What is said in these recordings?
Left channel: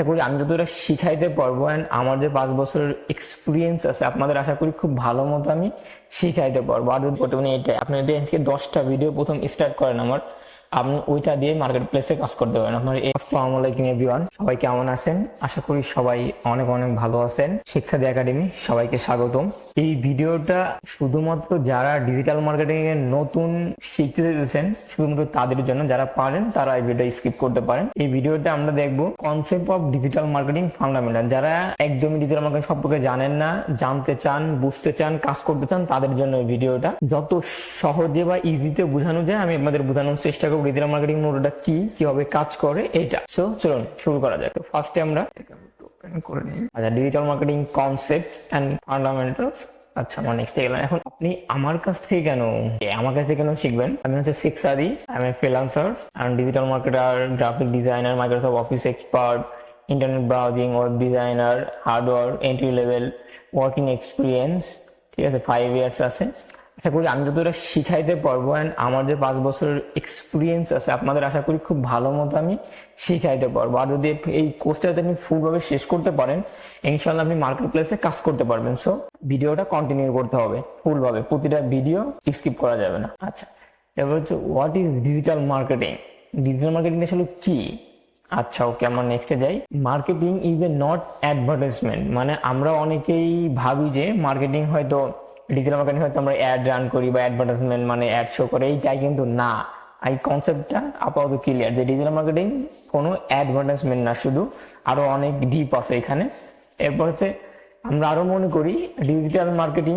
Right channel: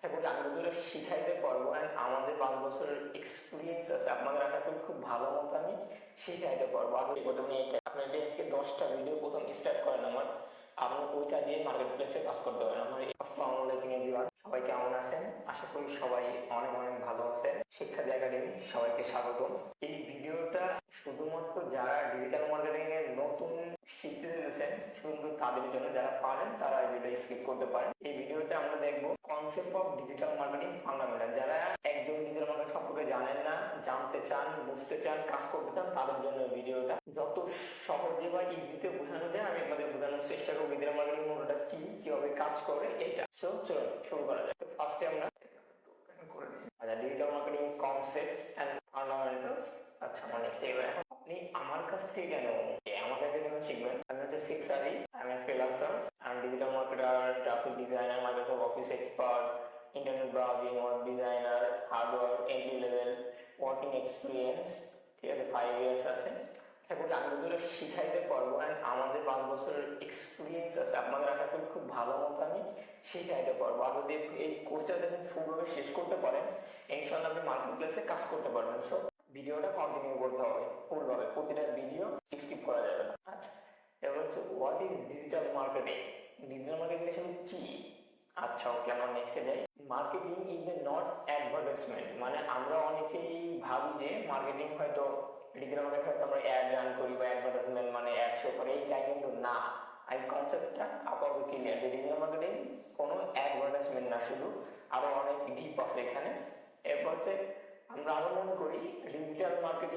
আশা করি আমি যতটা শিখাইতে পারবো অ্যান্ড আমার যে 5 বছরের এক্সপিরিয়েন্স আছে আপনাদের আশা করি খুব ভালো মতো আমি শিখাইতে পারবো। আর যদি প্রথমে এটাই আপনি যদি আজকে 10টা ভিডিও প্রথম স্টার্ট করেন আমার, আপনি ওইটা দিয়ে মার্কেট প্লেসে কাজ করতে পারেন। আপনার আসসালামু আলাইকুম এভরিওয়ান, সবাই কেমন আছেন? আশা করি সবাই অনেক অনেক ভালো আছেন। শিক্ষাদি একাডেমি সবাইকে স্বাগতম। এই ভিডিওটা শুধুমাত্র যারা ডিজিটাল মার্কেটিং এর নতুন শিখতে চাইছেন শুধুমাত্র তাদের জন্য, যারা পারেন তারা এই ভিডিও স্কিপ করতে পারেন। এই ভিডিওটা আমরা দেখবো concept of digital marketing fundamental. যারা একদমই ডিজিটাল মার্কেটিং সম্পর্কে জানেন না, জানতে চান, বুঝতে চান, কাজ করতে চান, তাদের জন্য এই ভিডিওটা যত সহজে বা ইজিতে বোঝানো যায় আমি আপনাদের বোঝানোর চেষ্টা করবো। ডিজিটাল মার্কেটিং মডেলটা কি, কিভাবে কাজ করে এটা। সো চলুন শুরু করা যাক। তো ফার্স্টে আমরা করে নিই। আচ্ছা, digital marketing concept and fundamentals. আচ্ছা, আমার নেক্সটে গেলাম। এখন আপনি আমার কাছ থেকে কেন শিখবেন? আমি হচ্ছে সেখসাদি, আমি freelancer and digital marketer, graphic designer, Microsoft office expert, internet browsing, web designer, hardware, entry level working experience, ঠিক আছে, 5 ইয়ার্স আছে। আশা করি আমি যতটা শিখাইতে পারবো অ্যান্ড আমার যে 5 বছরের এক্সপিরিয়েন্স আছে আপনাদের আশা করি খুব ভালো মতো আমি শিখাইতে পারবো। আর যদি এই কোর্সটাতে আপনি ফুলভাবে শেষ করতে পারেন, ইনশাল্লাহ আপনি মার্কেট প্লেসে কাজ করতে পারবেন। সো ভিডিওটা কন্টিনিউ করতে হবে ফুলভাবে, প্রতিটা ভিডিও স্কিপ করা যাবে না। আচ্ছা, এবার হচ্ছে what is digital marketing. Digital marketing আসলে কি? আচ্ছা, ওকে, আমরা নেক্সটে যাই। Marketing is A not advertisement. মানে আমরা অনেকেই ভাবি যে মার্কেটিং হয়তো ডিজিটাল মার্কেটিং হয়তো আমরা অ্যাড রান করি বা অ্যাডভার্টাইজমেন্ট মানে অ্যাড শো করে, এইটাই কিন্তু না। এই কনসেপ্টটা আপাতত ক্লিয়ার যে ডিজিটাল মার্কেটিং কোনো অ্যাডভার্টাইজমেন্ট না, শুধু আরো অনেক ডিপ আছে এখানে। এরপর হচ্ছে আমরা আরো মনে করি ডিজিটাল মার্কেটিং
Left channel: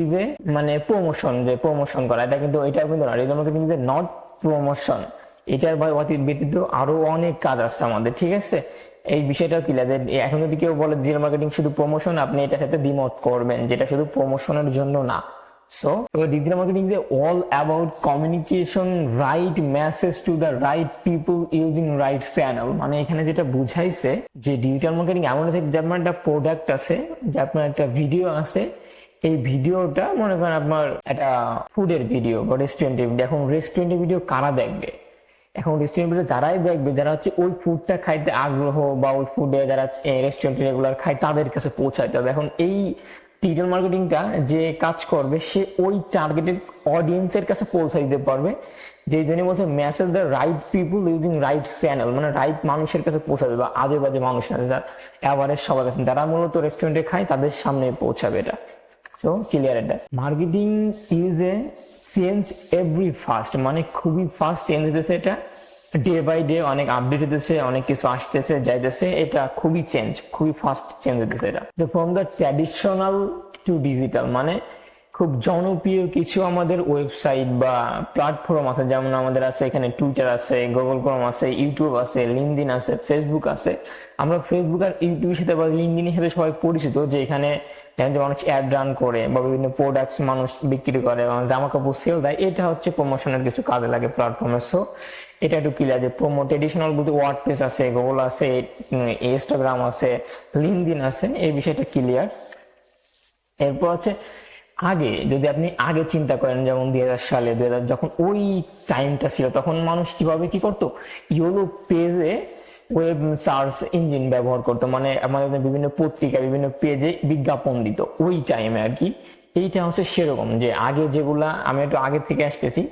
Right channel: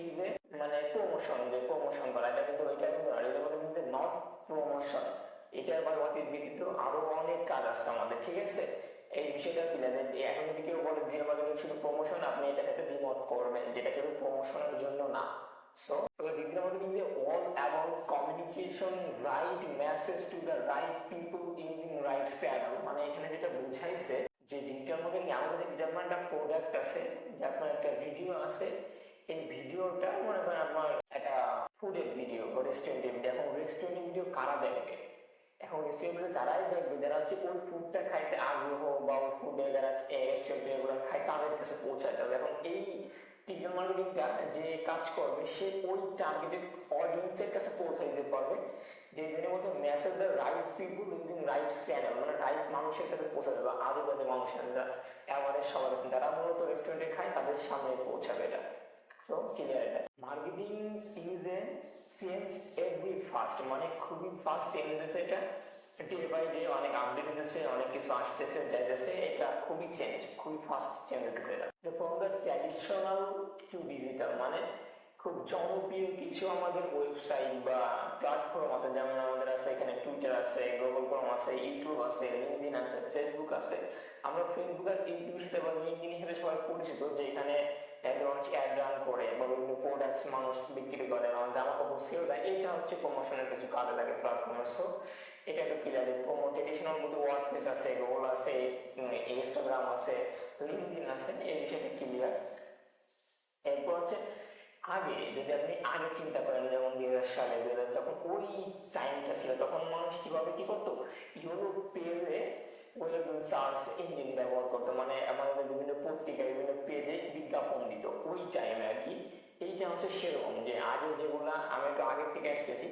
ইজ এ মানে প্রমোশন, যে প্রমোশন করা, এটা কিন্তু এটা কিন্তু না। Digital marketing is A not promotion. এটার ব্যতীত আরো অনেক কাজ আছে আমাদের, ঠিক আছে? এই বিষয়টা কি লাগে, এখন যদি কেউ বলে ডিজিটাল মার্কেটিং শুধু প্রমোশন, আপনি এটার সাথে দ্বিমত করবেন, যেটা শুধু প্রমোশনের জন্য না। So digital marketing is all about communication, right message to the right people using right channel. মানে এখানে যেটা বুঝাইছে যে ডিজিটাল মার্কেটিং এমন যেমন একটা প্রোডাক্ট আছে, যে আপনার একটা ভিডিও আছে, এই ভিডিওটা মনে করেন আপনার একটা ফুডের ভিডিও বা রেস্টুরেন্টের ভিডিও। এখন রেস্টুরেন্টের ভিডিও কারা দেখবে? এখন রেস্টুরেন্টে যারাই দেখবে, যারা হচ্ছে ওই ফুডটা খাইতে আগ্রহ বা ওই ফুডে যারা রেস্টুরেন্টে রেগুলার খায় তাদের কাছে পৌঁছাইতে হবে। এখন এই ডিজিটাল মার্কেটিংটা যে কাজ করবে সে ওই টার্গেটেড অডিয়েন্সের কাছে পৌঁছে দিতে পারবে, যে জন্য বলছে message the right people using right channel. মানে রাইট মানুষের কাছে পৌঁছে দেবে, আজে বাজে মানুষ না, যারা অ্যাভারেজ সবার কাছে, যারা মূলত রেস্টুরেন্টে খায় তাদের সামনে পৌঁছাবে এটা। তো ক্লিয়ার এটা। Marketing is A change every fast, মানে খুবই ফাস্ট চেঞ্জ হতেছে এটা, ডে বাই ডে অনেক আপডেট হতেছে, অনেক কিছু আসতেছে যাইতেছে, এটা খুবই খুবই ফাস্ট চেঞ্জ হতেছে এটা। From the traditional to digital, মানে খুব জনপ্রিয় কিছু আমাদের ওয়েবসাইট বা প্ল্যাটফর্ম আছে, যেমন আমাদের আছে এখানে টুইটার আছে, গুগল ক্রোম আছে, ইউটিউব আছে, লিঙ্কডইন আছে, ফেসবুক আছে। আমরা ফেসবুক আর ইউটিউবের সাথে বা লিঙ্কডইনের সাথে সবাই পরিচিত, যে এখানে মানুষ অ্যাড রান করে বা বিভিন্ন প্রোডাক্টস মানুষ বিক্রি করে, জামা কাপড় সেল দেয়, এটা হচ্ছে প্রমোশনের কিছু কাজে লাগে প্ল্যাটফর্মে। সো এটা একটু ক্লিয়ার যে ট্রেডিশনাল বলতে ওয়ার্ডপ্রেস আছে, গুগল আছে, ইনস্টাগ্রাম আছে, লিঙ্কডইন আছে, এই বিষয়টা ক্লিয়ার। এরপর হচ্ছে আগে যদি আপনি আগে চিন্তা করেন, যেমন 2000 সালে যখন ওই টাইমটা ছিল, তখন মানুষ কিভাবে কি করতো, ইয়েলো পেজে ওয়েব সার্চ ইঞ্জিন ব্যবহার করতো, মানে আমাদের বিভিন্ন পত্রিকা বিভিন্ন পেজে বিজ্ঞাপন দিত ওই টাইমে আর কি। এইটা হচ্ছে সেরকম যে আগে যেগুলা, আমি একটু আগে থেকে আসতেছি,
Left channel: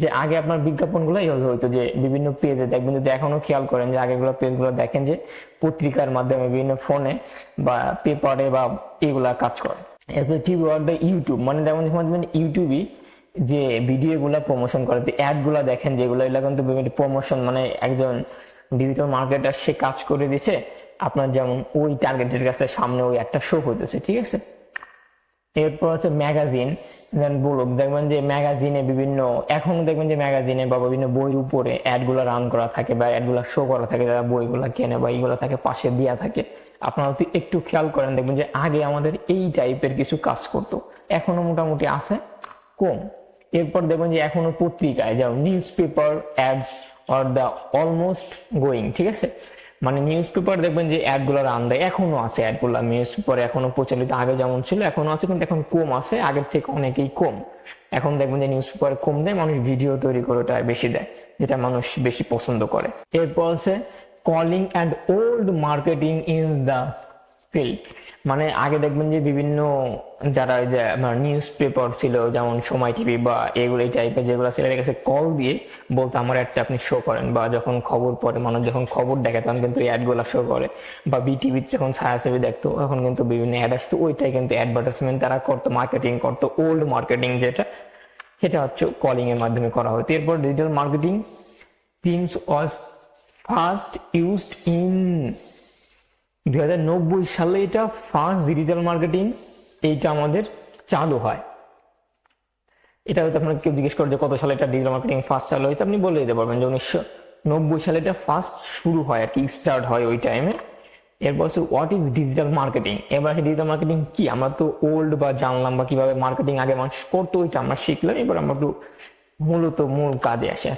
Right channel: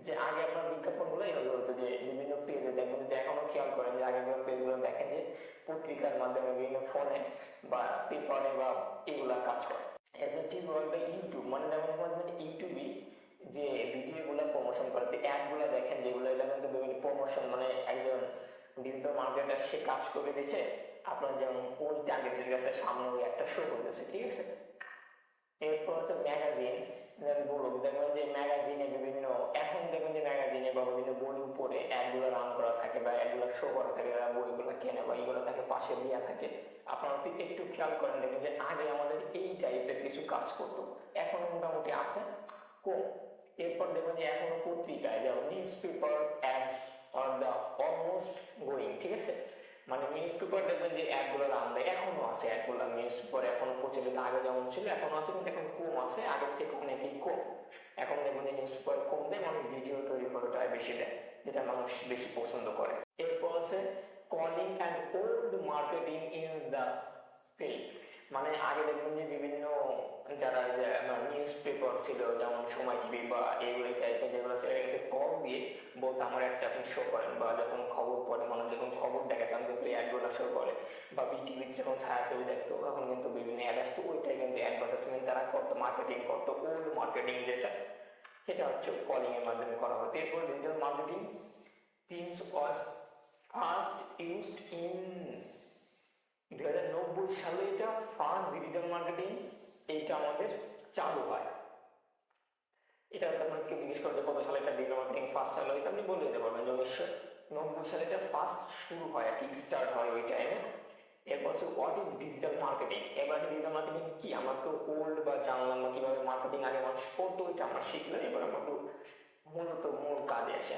যে আগে আপনার বিজ্ঞাপনগুলো এইভাবে হইতো যে বিভিন্ন পেজে দেখবেন, যদি এখনো খেয়াল করেন যে আগেগুলো পেজগুলো দেখেন যে পত্রিকার মাধ্যমে বিভিন্ন ফোনে বা পেপারে বা এগুলা কাজ করে। এরপর টিভি আর ইউটিউব, মানে যেমন ইউটিউবে যে ভিডিও গুলা প্রমোশন করে, অ্যাড গুলা দেখেন যেগুলো, এগুলো কিন্তু বিভিন্ন প্রমোশন, মানে একজন ডিজিটাল মার্কেটার সে কাজ করে দিচ্ছে আপনার, যেমন ওই টার্গেটের কাছে সামনে ওই একটা শো হইতেছে, ঠিক আছে। এরপর হচ্ছে ম্যাগাজিন, ব্লগ, দেখবেন যে ম্যাগাজিনে বিভিন্ন, এখন দেখবেন যে ম্যাগাজিনে বা বিভিন্ন বইয়ের উপরে অ্যাড গুলা রান করা থাকে বা অ্যাড গুলা শো করা থাকে, যারা বইগুলা কেনে বা এইগুলো থাকে পাশে দেওয়া থাকে। আপনারা একটু খেয়াল করেন, দেখবেন যে আগে আমাদের এই টাইপের কিছু কাজ করতো, এখনো মোটামুটি আছে, কম। এরপর দেখবেন যে এখনো পত্রিকায় যেমন news paper ads or the almost going, ঠিক আছে। মানে নিউজ পেপার দেখবেন যে অ্যাড গুলো রান দেয়, এখনো আছে অ্যাড গুলা, নিউজ পেপার এখনো প্রচলিত, আগে যেমন ছিল এখনো আছে, কিন্তু এখন কম আছে, আগের থেকে অনেকেই কম। এখন দেখবেন যে নিউজ পেপার কম দেয়, মানুষ ভিডিও তৈরি করে ওটা বেশি দেয়, যেটা মানুষ বেশি পছন্দ করে। এরপর আছে calling and old marketing in the field. মানে আগে দেখবেন যে বিভিন্ন যারা নিউজ পেপার ছিল যেমন সময় টিভি বা এগুলো এই টাইপের যেগুলো ছিল এর কাছে কল দিয়ে বলতো আমার অ্যাডটা আপনি শো করেন, বা যখন খবর পড়ে মানুষ যখন খবর দেখে তখন কিন্তু এই অ্যাডগুলো শো করে, বা বিটিভির যখন ছায়াছবি দেখতো তখন কিন্তু বিভিন্ন অ্যাড আসতো, ওইটাই কিন্তু অ্যাডভার্টাইজমেন্ট তারা করতো, মার্কেটিং করতো। ওল্ড মার্কেটিং যেটা সেটা হচ্ছে কলিং এর মাধ্যমে করা হতো। এরপর digital marketing themes was first used in 2090 সালে এটা ফার্স্ট ডিজিটাল মার্কেটিং এইটা আমাদের চালু হয়। এটা হয়তো আপনার কেউ জিজ্ঞেস করে যে কত সালে এটা ডিজিটাল মার্কেটিং ফার্স্ট চালু হয়েছে, আপনি বলে দিতে পারবেন যে 1990 সালে এটা ফার্স্ট শুরু হয় আর কি, স্টার্ট হয় ওই টাইমে। এরপর হচ্ছে হোয়াট ইজ ডিজিটাল মার্কেটিং। এবার ডিজিটাল মার্কেটিং কি, আমরা তো ওল্ড বা জানলাম বা কিভাবে মার্কেটিং আগে মানুষ করতো ওইটা আমরা শিখলাম, এবার আমরা একটু মূল কাজে আসে।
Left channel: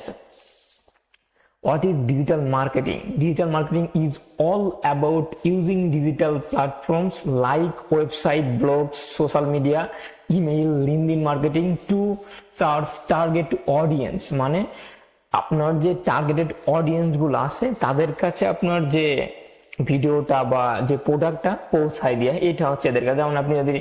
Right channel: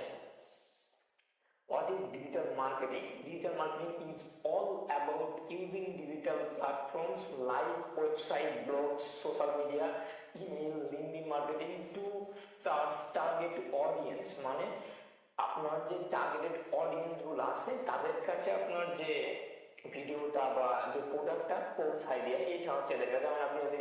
What is digital marketing? Digital marketing is all about using digital platforms like website, blogs, social media, email, LinkedIn marketing to search target audience। মানে আপনার যে টার্গেটেড অডিয়েন্স গুলো আছে তাদের কাছে আপনার যে ভিডিওটা বা যে প্রোডাক্টটা পৌঁছায় দেওয়া, এটা হচ্ছে এদের কাছে। যেমন আপনি যদি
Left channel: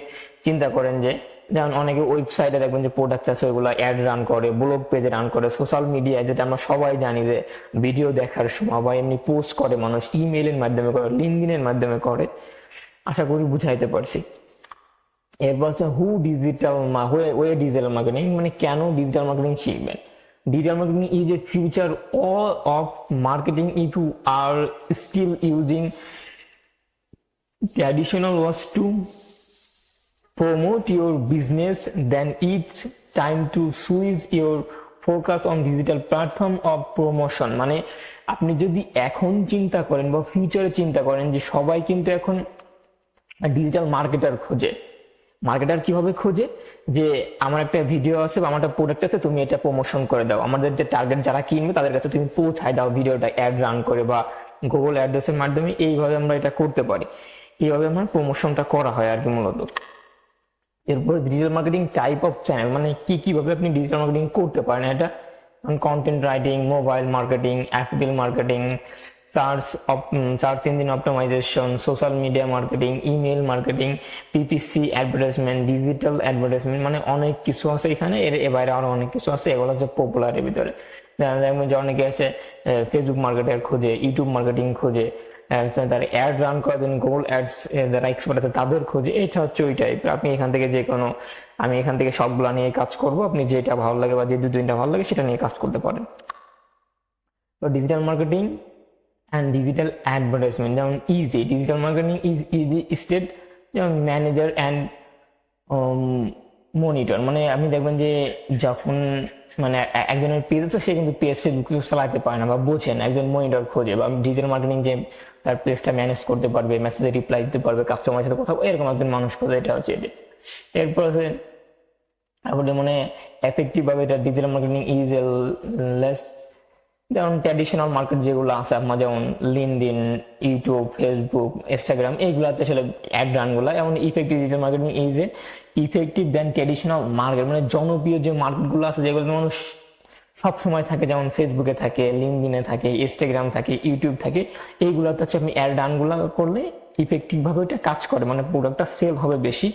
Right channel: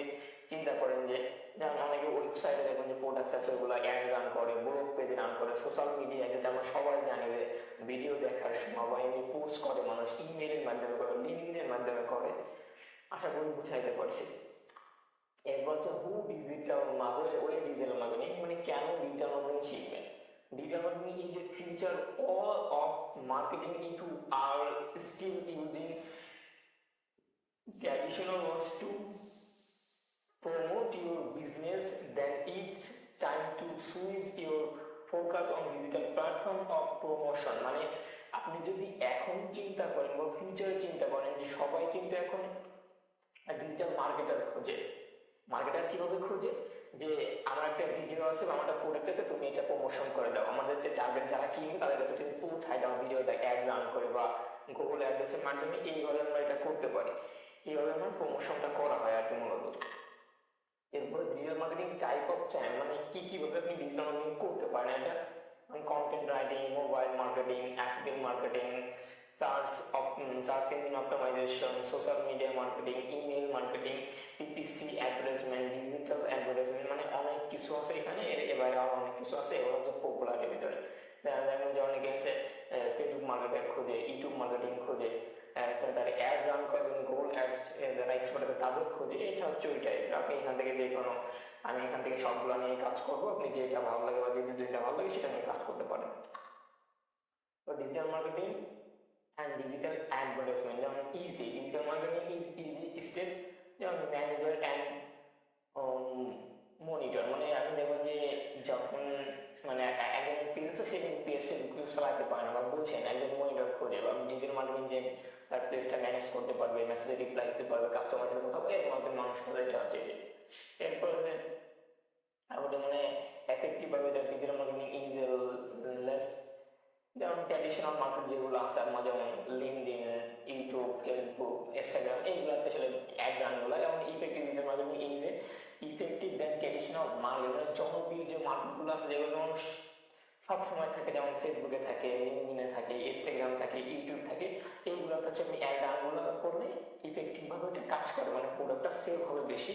চিন্তা করেন যে যেমন অনেকে ওয়েবসাইটে দেখবেন যে প্রোডাক্ট আছে ওইগুলো অ্যাড রান করে, ব্লগ পেজে রান করে, সোশ্যাল মিডিয়ায় যেটা আমরা সবাই জানি যে ভিডিও দেখার সময় বা এমনি পোস্ট করে মানুষ, ইমেইলের মাধ্যমে করে, লিঙ্কডইনের মাধ্যমে করে। আশা করি বুঝাইতে পারছি। এরপর হচ্ছে ওয়ে ডিজিটাল মার্কেটিং, মানে কেন ডিজিটাল মার্কেটিং শিখবেন। Digital marketing is a future all of marketing if you are still using traditional was to promote your business, then it's time to switch your focus on digital platform of promotion। মানে আপনি যদি এখন চিন্তা করেন বা ফিউচারে চিন্তা করেন যে সবাই কিন্তু এখন ডিজিটাল মার্কেটার খোঁজে। মার্কেটার কিভাবে খোঁজে, যে আমার একটা ভিডিও আছে বা আমার একটা প্রোডাক্ট আছে, তুমি এটা প্রমোশন করে দাও, আমাদের যে টার্গেট যারা কিনবে তাদের কাছে তুমি পৌঁছায় দাও ভিডিওটা অ্যাড রান করে বা গুগল অ্যাড্রেসের মাধ্যমে। এইভাবে আমরা এটা করতে পারি, এইভাবে আমার প্রমোশনটা করা হয় আর কি মূলত। এরপরে digital marketing type of channel, মানে কিভাবে আপনি ডিজিটাল মার্কেটিং করতে পারেন। এটা content writing, mobile marketing, affiliate marketing, search engine optimisation, social media marketing, email marketing, PPC advertisement, digital advertisement, মানে অনেক কিছু আছে এখানে। এর বাইরে আরো অনেক কিছু আছে, এগুলো হচ্ছে পপুলারের ভিতরে। যেমন যে অনেকে আছে ফেসবুক মার্কেটার খোঁজে, ইউটিউব মার্কেটিং খোঁজে, তারা অ্যাড রান করে দেন, গুগল অ্যাডস যারা এক্সপার্ট আছে তাদের খোঁজে। এটা হচ্ছে ওই টাইপের। আপনি এখান থেকে যে কোনো, আমি এখান থেকে সবগুলা নিয়ে কাজ করবো, আপনি যেটা ভালো লাগে বা যে দু তিনটা ভালো লাগে সেটা নিয়ে কাজ করতে পারেন। তো digital marketing and digital advertisement, যেমন easy digital marketing is easy state, যেমন ম্যানেজার অ্যান্ড মনিটর। মানে আপনি দেখবেন যে যখন মানে একজনের পেজ আছে সে কিন্তু পেজ ফেসবুক চালাতে পারে না বা বোঝে না, একজন মনিটর খোঁজে। বা ডিজিটাল মার্কেটিং যে তার পেজটা ম্যানেজ করতে পারবে, মেসেজে রিপ্লাই দিতে পারবে, কাস্টমারের সাথে কথা, এরকম একজন মানুষ খোঁজে। এটা হচ্ছে এটা। এরপর আছে আমাদের মানে এফেক্টিভ ভাবে এটা ডিজিটাল মার্কেটিং ইজ লেস, যেমন ট্র্যাডিশনাল মার্কেট যেগুলো আছে আপনার, যেমন লিঙ্কডইন, ইউটিউব, ফেসবুক, ইনস্টাগ্রাম, এইগুলাতে আসলে অ্যাড রানগুলো। এমন effective digital marketing is a effective then traditional market, মানে জনপ্রিয় যে মার্কেটগুলো আছে যেগুলো মানুষ সবসময় থাকে, যেমন ফেসবুকে থাকে, লিঙ্কডইনে থাকে, ইনস্টাগ্রাম থাকে, ইউটিউব থাকে, এইগুলোতে হচ্ছে আপনি অ্যাড রানগুলো করলে ইফেক্টিভভাবে এটা কাজ করে, মানে প্রোডাক্টটা সেল হবে বেশি,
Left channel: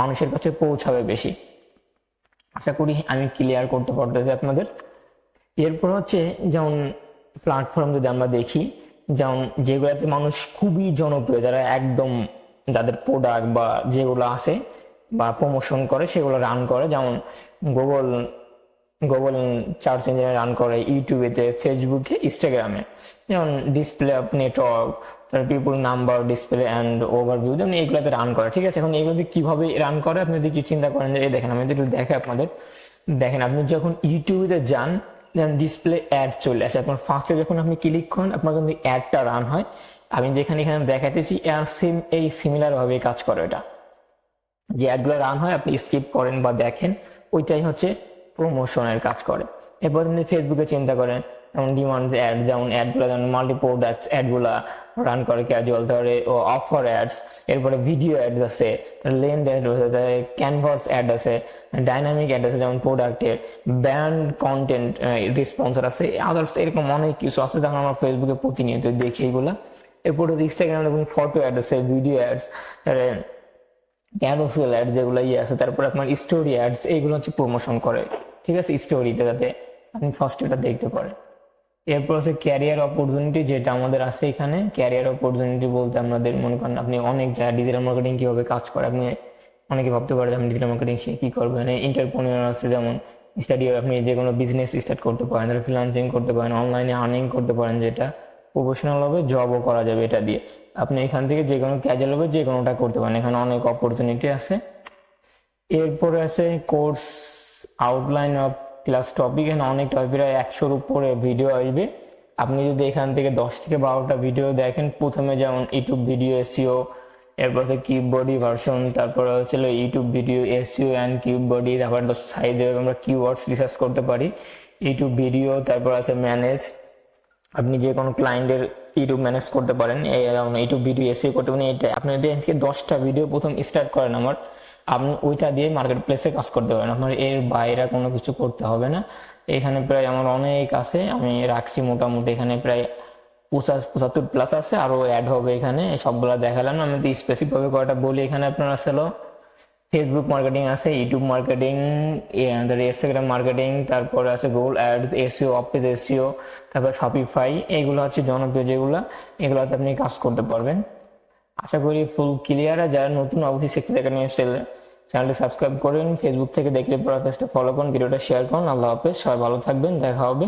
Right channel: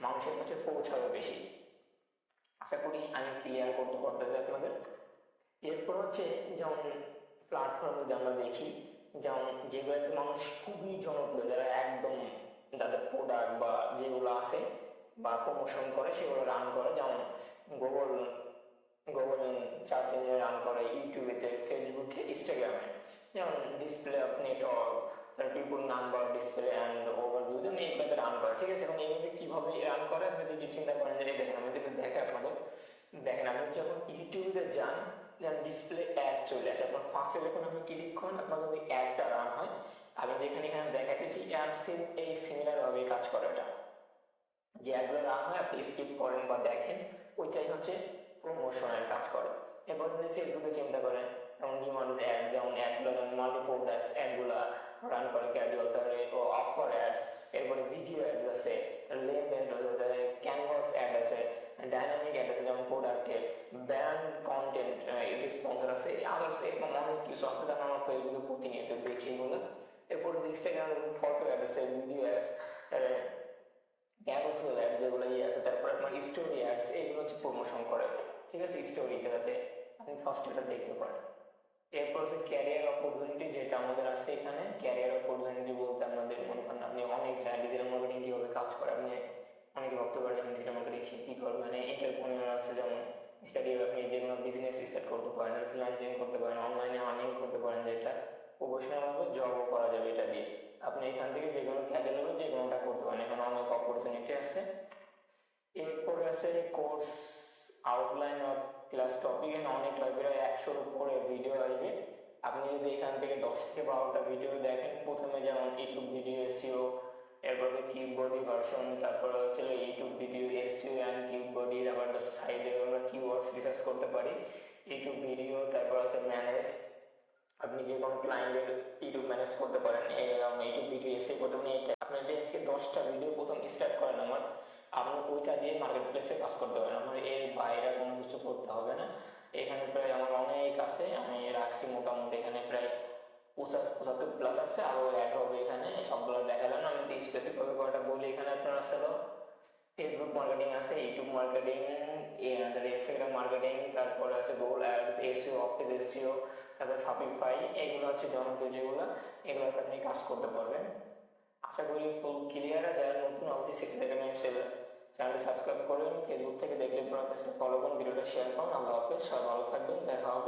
মানুষের কাছে পৌঁছাবে বেশি। আশা করি আমি ক্লিয়ার করতে পারতেছি আপনাদের। এরপর হচ্ছে যেমন প্ল্যাটফর্ম যদি আমরা দেখি, যেমন যেগুলোতে মানুষ খুবই জনপ্রিয়, যারা একদম যাদের প্রোডাক্ট বা যেগুলো আছে বা প্রমোশন করে সেগুলো রান করে, যেমন গুগল সার্চ ইঞ্জিনে রান করে, ইউটিউবেতে, ফেসবুকে, ইনস্টাগ্রামে। যেমন display of network, people number, display and overview, যেমন এইগুলোতে রান করে। ঠিক আছে, এখন এইগুলোতে কিভাবে রান করে আপনি যদি চিন্তা করেন যে এই দেখেন, আমি যদি দেখে আপনাদের দেখেন, আপনি যখন ইউটিউবে যান, যেমন ডিসপ্লে অ্যাড চলে আসে, আপনার ফার্স্টে যখন আপনি ক্লিক করেন আপনার কিন্তু অ্যাডটা রান হয়। আমি যেখানে এখানে দেখাতেছি এই সিমিলার ভাবে কাজ করে। এটা যে অ্যাডগুলো রান হয় আপনি স্কিপ করেন বা দেখেন, ওইটাই হচ্ছে প্রমোশনের কাজ করে। এরপর আপনি ফেসবুকে চিন্তা করেন, যেমন ডিমান্ড অ্যাড, যেমন অ্যাডগুলো যেমন মাল্টি প্রোডাক্টস অ্যাডগুলা রান করে ক্যাজুয়াল, ধরে ও অফার অ্যাডস, এরপরে ভিডিও অ্যাড আছে, লেন্ড অ্যাড আছে, ক্যানভাস অ্যাড আছে, ডাইনামিক অ্যাড আছে যেমন প্রোডাক্টের, ব্র্যান্ড কন্টেন্ট রেসপন্সার আছে, আদার্স এরকম অনেক কিছু আছে যখন আমরা ফেসবুকে প্রতিনিয়ত দেখি এগুলা। এরপরে ইনস্টাগ্রামে দেখুন ফটো অ্যাড আছে, ভিডিও অ্যাডস, ক্যারোসেল অ্যাড যেগুলো আছে, তারপরে আপনার স্টোরি অ্যাডস, এইগুলো হচ্ছে প্রমোশন করে, ঠিক আছে, স্টোরিতে, যাতে আপনি ফার্স্ট এটা দেখতে পারেন। এরপর হচ্ছে ক্যারিয়ার অপরচুনিটি, যেটা আমাদের আছে এখানে। ক্যারিয়ার অপরচুনিটি বলতে আমাদের মনে করেন আপনি অনেক জায়গায় ডিজিটাল মার্কেটিং কীভাবে কাজ করে, আপনি অনেকে ভাবতে পারেন আমি ডিজিটাল মার্কেটিং শিখে কী করবেন। এন্টারপ্রেনিউর আছে, যেমন স্টাডি, আপনি যে কোনো বিজনেস স্টার্ট করতে পারেন, ফ্রিল্যান্সিং করতে পারেন, অনলাইনে আর্নিং করতে পারেন, যেটা প্রফেশনাল হবে, জবও করা যাবে এটা দিয়ে। আপনি এখান থেকে যে কোনো ক্যাজুয়াল হবে যে কোনোটা করতে পারেন, এখানে অনেক অপরচুনিটি আছে। এরপরে আছে course outline of class topic, এখানে অনেক টপিক, প্রায় 100-র উপরে ভিডিও আসবে। আপনি যদি এখান থেকে 10 থেকে 12টা ভিডিও দেখেন, প্রথমে যেমন ইউটিউব ভিডিও এসইও, এরপর হচ্ছে কিউব বডি ভার্সন, তারপরে হচ্ছে YouTube video SEO and cube body, তারপর সাইডে আমরা কিওয়ার্ডস রিসার্চ করতে পারি, ইউটিউব ভিডিও, তারপর আছে ম্যানেজ, আপনি যে কোনো ক্লায়েন্টের ইউটিউব ম্যানেজ করতে পারেন, ইউটিউব ভিডিও এসইও করতে পারেন। এটা আপনি যদি আজকে 10টা ভিডিও প্রথম স্টার্ট করেন আপনি ওইটা দিয়ে মার্কেট প্লেসে কাজ করতে পারেন, আপনার এর বাইরে কোনো কিছু করতে হবে না। এখানে প্রায় আমার অনেক আছে, আমি রাখছি মোটামুটি এখানে প্রায় 75+ আছে, আরও অ্যাড হবে এখানে, সবগুলো দেখালাম না। আমি তো স্পেসিফিকভাবে কয়টা বলি, এখানে আপনার আছে ফেসবুক মার্কেটিং আছে, ইউটিউব মার্কেটিং, ইনস্টাগ্রাম মার্কেটিং, তারপরে আছে Google ads, SEO, office SEO, তারপর শপিফাই, এগুলো হচ্ছে জনপ্রিয় যেগুলো, এগুলোতে আপনি কাজ করতে পারবেন। আশা করি ফুল ক্লিয়ার। যারা নতুন অবশ্যই সেক্সি একাডেমি চ্যানেলটি সাবস্ক্রাইব করুন, ফেসবুক থেকে দেখলে পুরো পেজটা ফলো করুন, ভিডিওটা শেয়ার করুন। আল্লাহ হাফেজ, সবাই ভালো থাকবেন, দেখা হবে।